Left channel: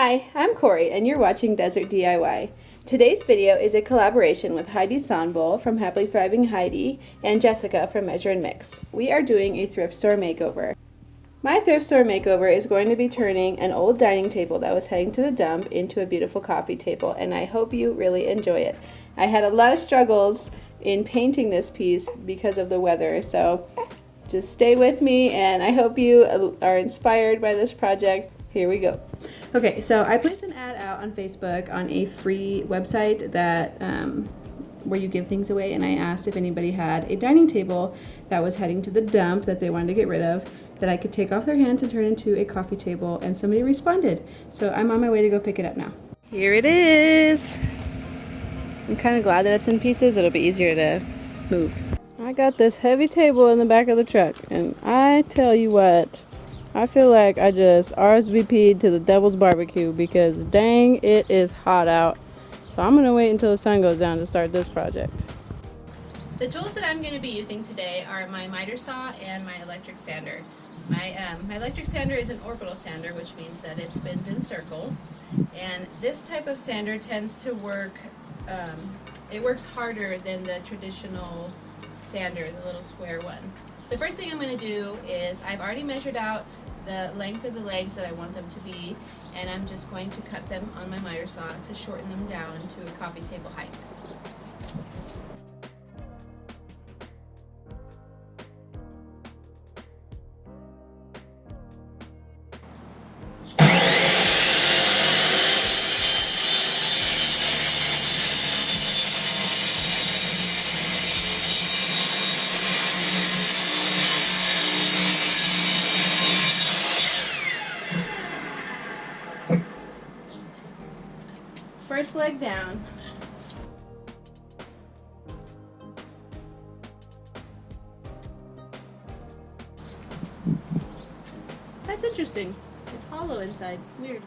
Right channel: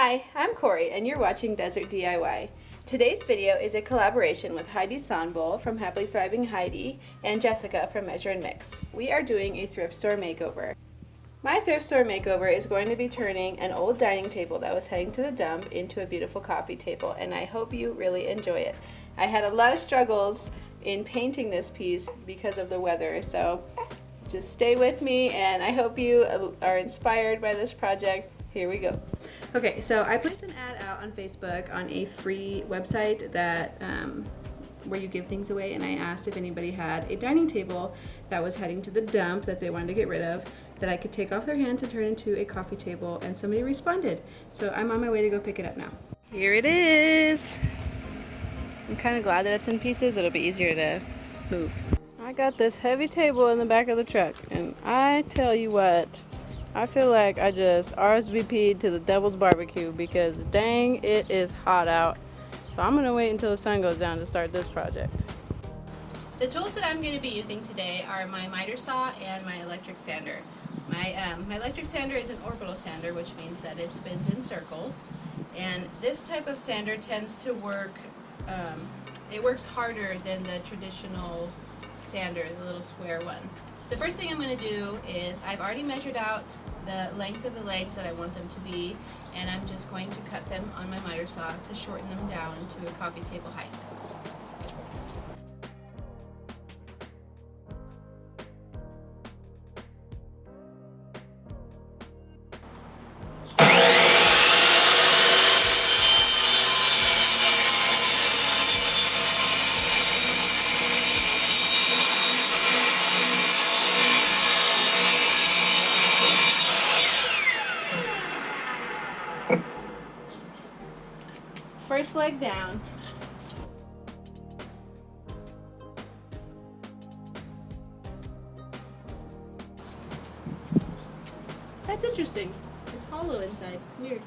Hi, I'm Corey and you're watching Desert DIY. Today's video is a collaboration with Heidi from Happily Thriving Heidi and Jessica from Measure and Mix. We are doing a thrift store makeover. My thrift store makeover is going to be turning an old dining table that was heading to the dump into a beautiful coffee table, and I hope you really enjoy it. I had a lot of struggles in painting this piece because of the weather, so just stay with me and I hope you are inspired by this project. Here we go. Okay, so I placed an ad out on Facebook on a free website that where you give things away, and I asked if anybody had a dining table that was heading to the dump that they wanted to get rid of that I could take off their hands and turn into a coffee table, and somebody responded. So I'm on my way to go pick it up now. Here it is. I'm kind of glad that it's in pieces. It'll be easier to move. I got this heavy table in the back of the truck, and I tell you what, I feel like I just RSVP'd to the Devil's Barbecue because dang, it is hot out. So I'm gonna wait until the sun goes down to start this project. The tools that I'm going to be using today are my miter saw and my electric sander. My electric sander is an orbital sander, which means that it spins in circles. And this type of sander tends to work, it works harder than the traditional sander, the little square one. The first thing I'm going to do is I've already measured out the length of the legs that I want them to be, and I'm just going to cut them on my miter saw to shorten them down to a coffee table height. First leg down. That's interesting. It's hollow inside. Weird.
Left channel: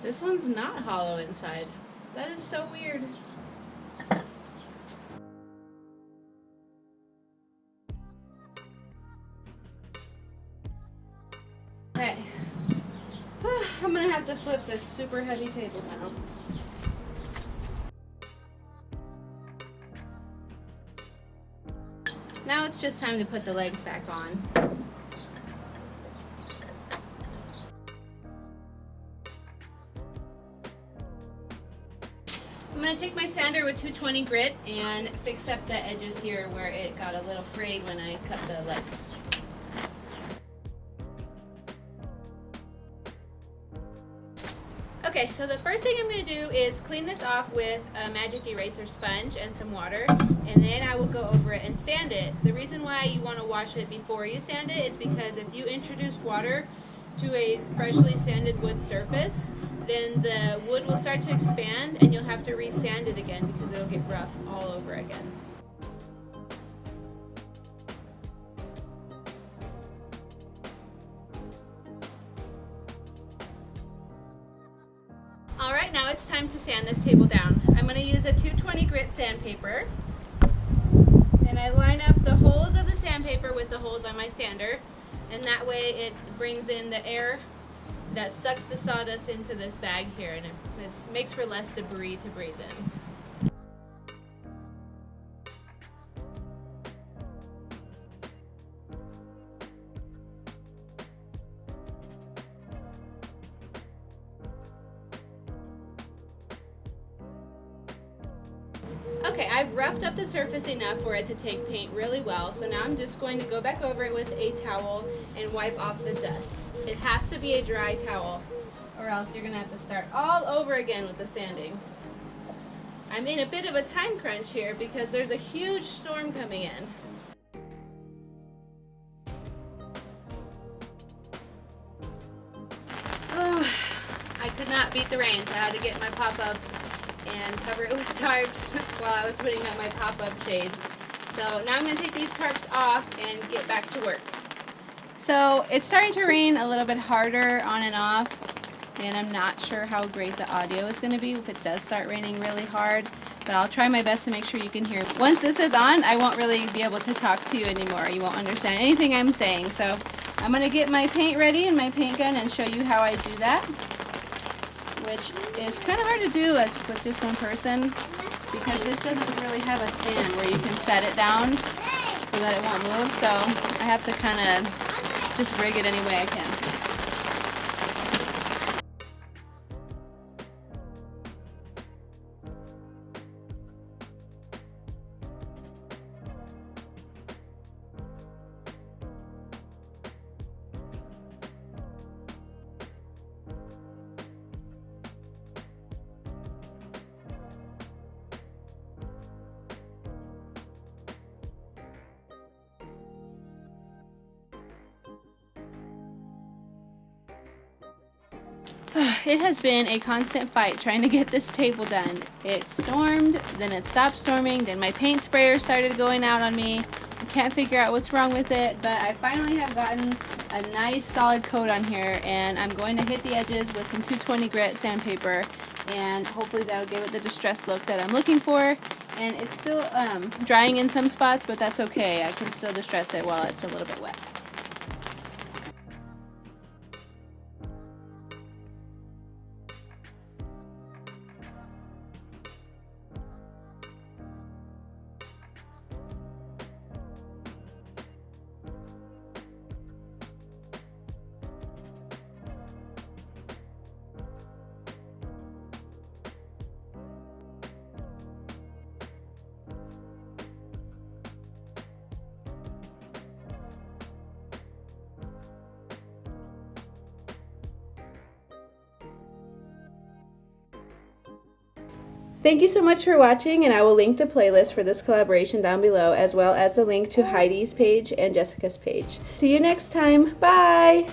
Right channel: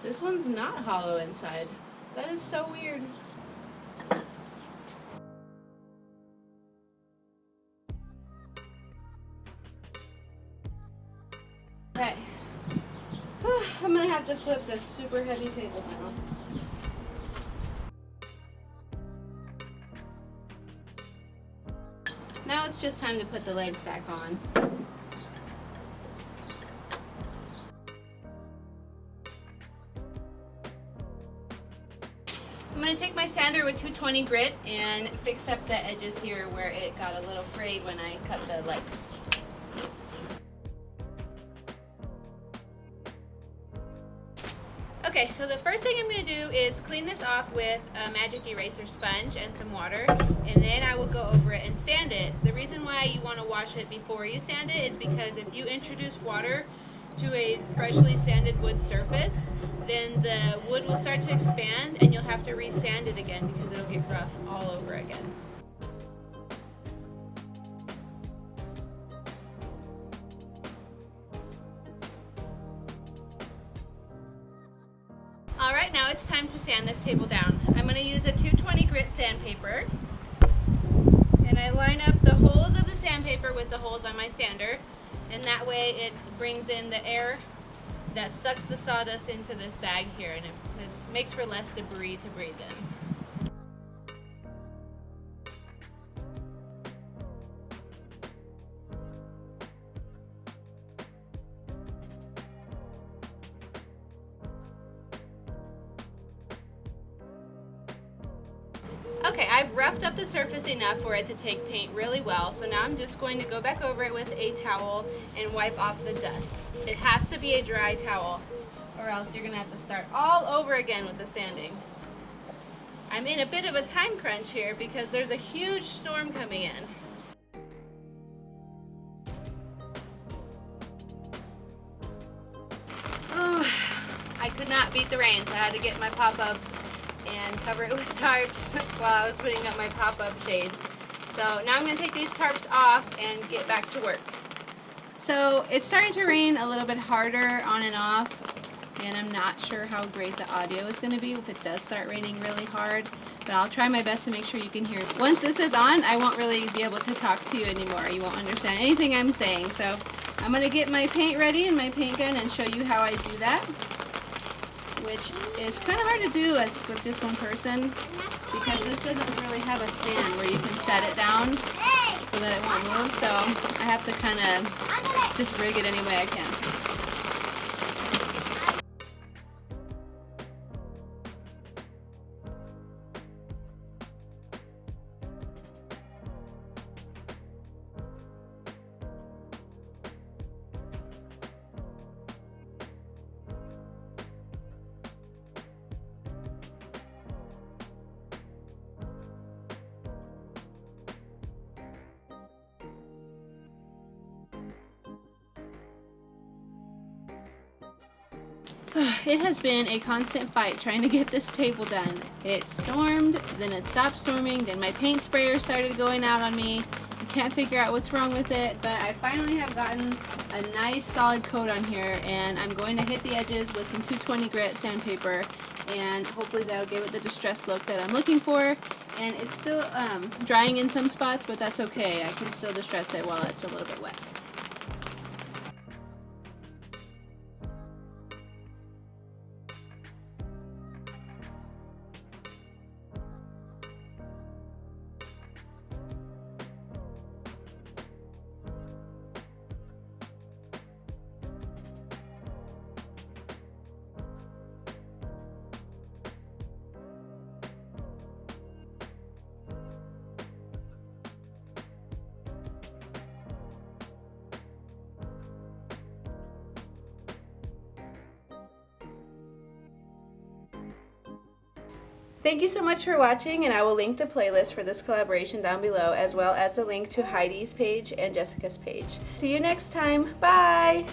This one's not hollow inside. That is so weird. Okay, I'm gonna have to flip this super heavy table now. Now it's just time to put the legs back on. I'm gonna take my sander with 220 grit and fix up the edges here where it got a little frayed when I cut the legs. Okay, so the first thing I'm going to do is clean this off with a magic eraser sponge and some water, and then I will go over it and sand it. The reason why you want to wash it before you sand it is because if you introduce water to a freshly sanded wood surface, then the wood will start to expand and you'll have to re-sand it again because it'll get rough all over again. Alright, now it's time to sand this table down. I'm going to use a 220 grit sandpaper, and I line up the holes of the sandpaper with the holes on my sander, and that way it brings in the air that sucks the sawdust into this bag here, and it makes for less debris to breathe in. Okay, I've roughed up the surface enough for it to take paint really well, so now I'm just going to go back over it with a towel and wipe off the dust. It has to be a dry towel, or else you're going to have to start all over again with the sanding. I'm in a bit of a time crunch here because there's a huge storm coming in. Oh, I could not beat the rain, so I had to get my pop-up and cover it with tarps while I was putting up my pop-up shade. So now I'm going to take these tarps off and get back to work. So it's starting to rain a little bit harder on and off, and I'm not sure how great the audio is going to be if it does start raining really hard. but I'll try my best to make sure you can hear. Once this is on, I won't really be able to talk to you anymore. You won't understand anything I'm saying. So I'm going to get my paint ready and my paint gun and show you how I do that, which is kind of hard to do with just one person because this doesn't really have a stand where you can set it down so that it won't move. So I have to kind of just rig it any way I can. It has been a constant fight trying to get this table done. It stormed, then it stopped storming, then my paint sprayer started going out on me. I can't figure out what's wrong with it, but I finally have gotten a nice solid coat on here, and I'm going to hit the edges with some 220 grit sandpaper, and hopefully that'll give it the distressed look that I'm looking for. And it's still drying in some spots, but that's okay. I can still distress it while it's a little bit wet. Thank you so much for watching, and I will link the playlist for this collaboration down below, as well as the link to Heidi's page and Jessica's page. See you next time. Bye!